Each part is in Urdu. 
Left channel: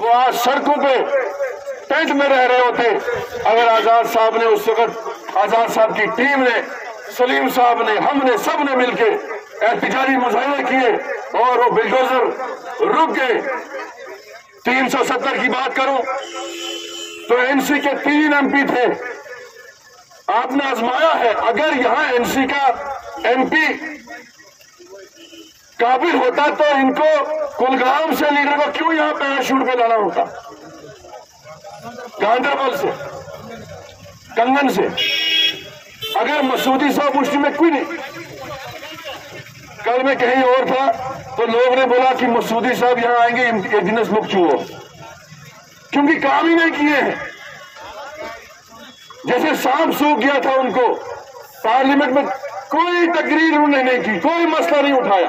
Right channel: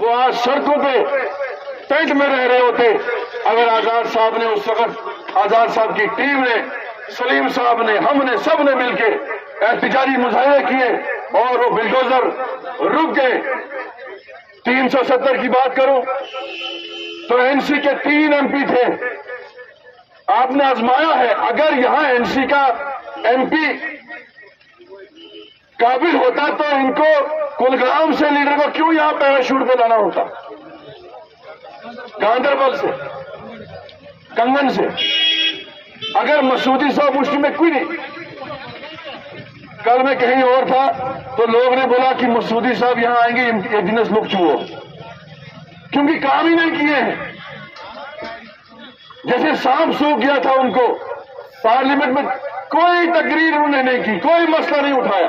وہ آج سڑکوں پہ ٹینٹ میں رہ رہے ہوتے اگر آزاد صاحب نے اس وقت، آزاد صاحب کی ٹیم نے، سلیم صاحب نے، ہم نے، سب نے مل کے احتجاجی مظاہرے کیے اور وہ بلڈوزر رک گئے۔ 370 کی بات کروں تو این سی کے 3 ایم پی تھے، آپ نے آزمایا ہے۔ اگر یہاں این سی کا ایم پی قابل ہوتا تو ان کو کلگرام سے لیڈر کو کیوں یہاں پیراشوٹ پہ لانا ہوتا، گاندربل سے، کنگن سے؟ اگر مسعودی صاحب اس میں کوئی نہیں، کل میں کہیں اور تھا تو لوگ نے بولا کہ مسعودی صاحب یہاں آئیں گے انڈینس لوگ چوہو، کیونکہ کام ہی نہیں کیے ہیں۔ جیسے سانپ سوکھ گیا تھا ان کو، پارلیمنٹ میں کوئی تقریر انہوں نے نہیں کی، کوئی مسئلہ نہیں اٹھایا۔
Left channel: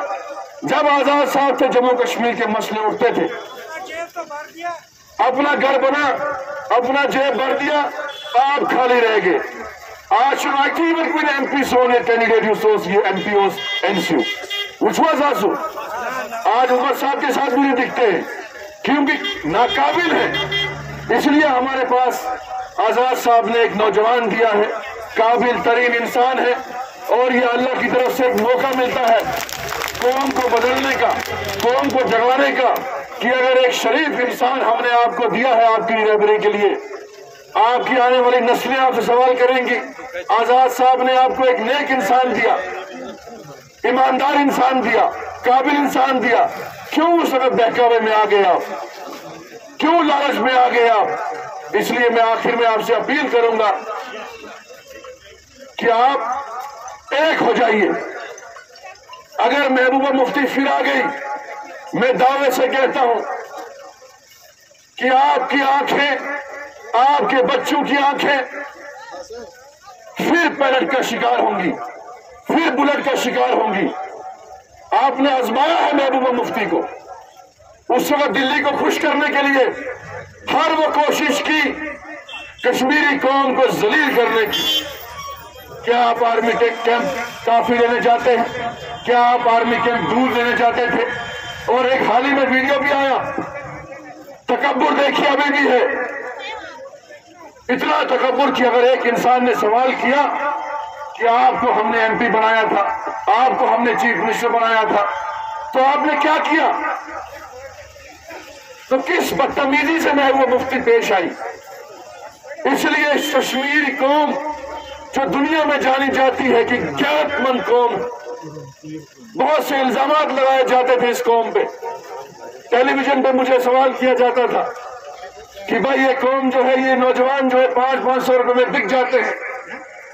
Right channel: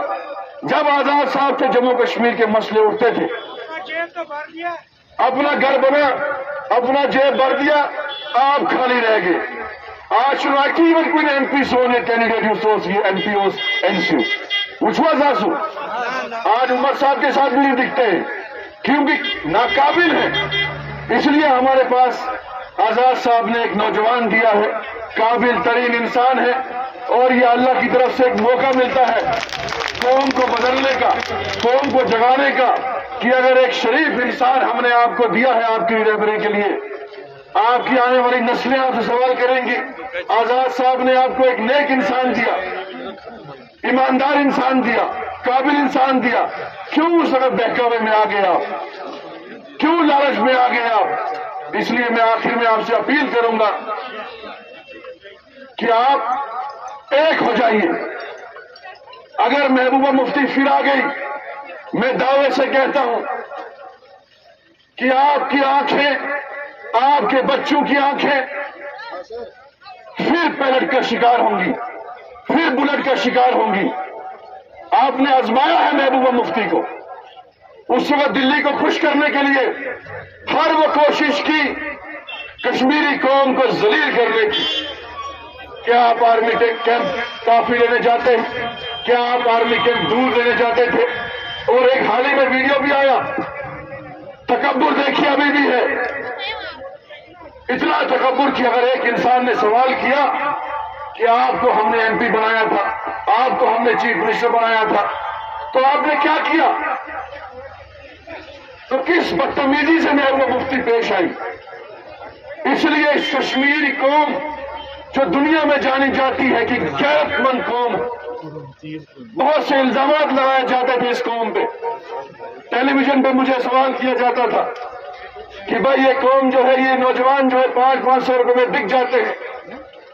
جب آزاد صاحب تھے جموں کشمیر کے مسئلے اٹھتے تھے، اپنا گھر بنا، اپنا جیب بھر دیا، آپ خالی رہ گئے۔ آج not even with MPs on a candidate who shows you NPOs NCU which was also آج عمر صاحب کے ساتھ بھی نہیں دکھتے ہیں کیونکہ ناقابل ہیں۔ اس لیے ہمارے پاس آزاد صاحب نے ایک نوجوان دیا ہے، قابل ترین انسان ہے، اور یہ اللہ کی طرف سے ایک موقع ملتا ہے قوم کو بدلنے کا، قوم کو جگانے کا، کہ اگر ایک شریف انسان ہم نے آپ کو دیا ہے آپ کی رہبری کے لیے، آپ کی آنے والی نسلیں آپ سے سوال کریں گی۔ آزاد صاحب نے آپ کو ایک نیک انسان دیا، ایماندار انسان دیا، قابل انسان دیا، کیوں اس وقت بہکاوے میں آ گئے آپ، کیوں لالچ میں آ گئے آپ؟ اس لیے میں آخر میں آپ سے اپیل کروں گا کہ آپ ایک ہو جائیے۔ اگر محبوبہ مفتی پھر آ گئی، میں دعوے سے کہتا ہوں کہ آپ کی آنکھیں، آپ کے بچوں کی آنکھیں پھر پیلٹ کا شکار ہوں گی، پھر بلٹ کا شکار ہوں گی۔ آپ نے آزمایا ہے محبوبہ مفتی کو، اس وقت دلی کو خوش کرنے کے لیے ہر وہ کوشش کی کشمیری قوم کو ذلیل کرنے کی۔ کیا آپ آرمی کیمپ کافی لینے جاتے ہیں؟ کیا آپ آرمی کیمپ دور لینے جاتے تھے؟ اور ایک حال ہی میں ویڈیو بھی آیا، تکبر دیکھیے ابھی بھی ہے، اتنا تکبر کہ اگر ایک انسان نے سوال کیا کہ آپ کو ہم نے ایم پی بنایا تھا، آپ کو ہم نے چیف منسٹر بنایا تھا، تو آپ نے کیا کیا؟ تو کس بدتمیزی سے محبوبہ مفتی پیش آئی؟ اس لیے اس کشمیری قوم جو دنیا میں جانی جاتی ہے کہ غیرت مند قوم، بہت سے الزامات لگائے جاتے تھے اس قوم پہ، ٹیلی ویژن پہ مجھے سوال کیا جاتا تھا کہ بھائی یہ قوم جو ہے، یہ نوجوان جو ہے 500 روپے میں بک جاتے ہیں،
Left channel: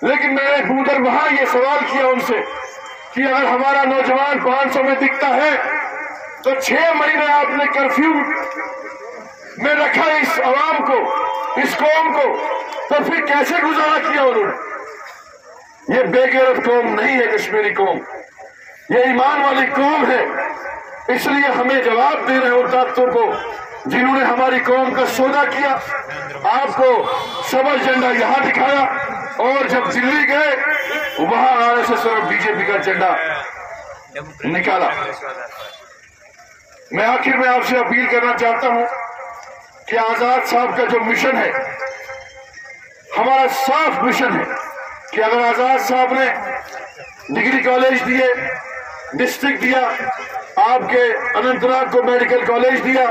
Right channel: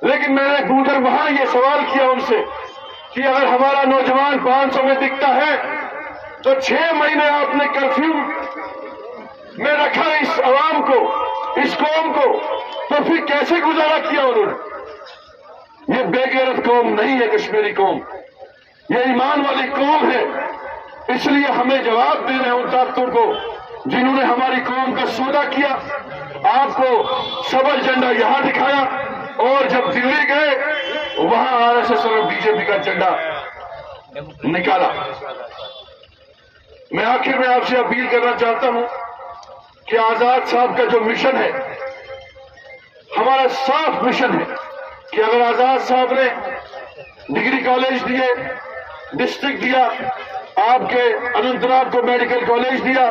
لیکن میں نے گودر وہاں یہ سوال کیا ان سے کہ اگر ہمارا نوجوان 500 میں بکتا ہے تو 6 مہینے آپ نے کرفیو میں رکھا اس عوام کو، اس قوم کو، تو پھر کیسے گزارا کیا انہوں نے؟ یہ بے غیرت قوم نہیں ہے کشمیری قوم، یہ ایمان والی قوم ہے۔ اس لیے ہمیں جواب دینا ہے ان طاقتوں کو جنہوں نے ہماری قوم کا سودا کیا۔ آپ کو سبز جھنڈا یہاں دکھایا اور جب دلی گئے وہاں آر ایس ایس اور بی جے پی کا جھنڈا نکالا۔ میں آخر میں آپ سے اپیل کرنا چاہتا ہوں کہ آزاد صاحب کا جو مشن ہے، ہمارا صاف مشن ہے کہ اگر آزاد صاحب نے ڈگری کالج دیے، ڈسٹرکٹ دیا، آپ کے اننت ناگ کو میڈیکل کالج دیا،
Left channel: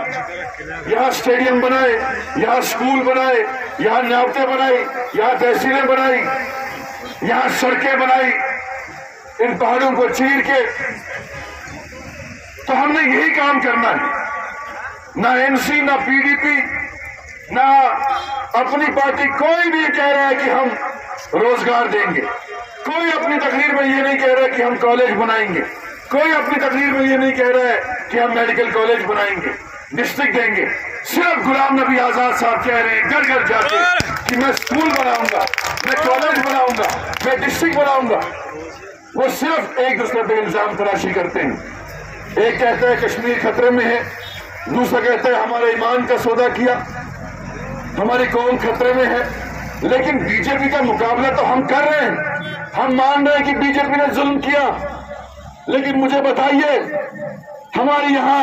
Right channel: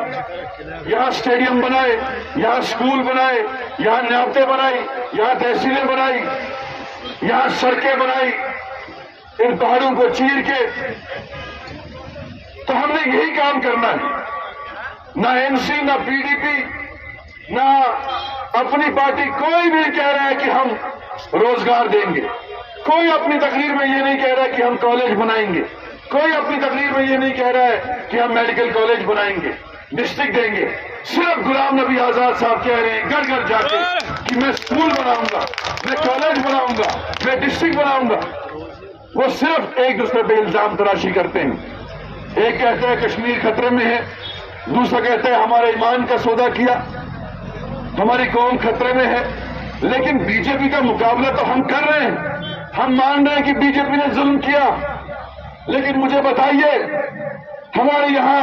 یہاں سٹیڈیم بنائے، یہاں سکول بنائے، یہاں نیابتیں بنائی، یہاں تحصیلیں بنائی، یہاں سڑکیں بنائی، ان پہاڑوں کو چیر کے، تو ہم نے یہی کام کرنا ہے۔ نہ این سی، نہ پی ڈی پی، نہ اپنی پارٹی کوئی نہیں کہہ رہا ہے کہ ہم روزگار دیں گے، کوئی اپنی تقریر میں یہ نہیں کہہ رہا ہے کہ ہم کالج بنائیں گے، کوئی اپنی تقریر میں یہ نہیں کہہ رہا ہے کہ ہم میڈیکل کالج بنائیں گے، ڈسٹرکٹ دیں گے۔ صرف غلام نبی آزاد صاحب کہہ رہے ہیں گھر گھر جا کے کہ میں سکول بناؤں گا، میں کالج بناؤں گا، میں ڈسٹرکٹ بناؤں گا۔ وہ صرف ایک دوسرے پہ الزام تراشی کرتے ہیں، ایک کہتا ہے کشمیر خطرے میں ہے، دوسرا کہتا ہے ہمارے ایمان کا سودا کیا، ہماری قوم خطرے میں ہے۔ لیکن بی جے پی کا مقابلہ تو ہم کر رہے ہیں، ہم مان رہے ہیں کہ بی جے پی نے ظلم کیا، لیکن مجھے بتائیے ہمارے یہاں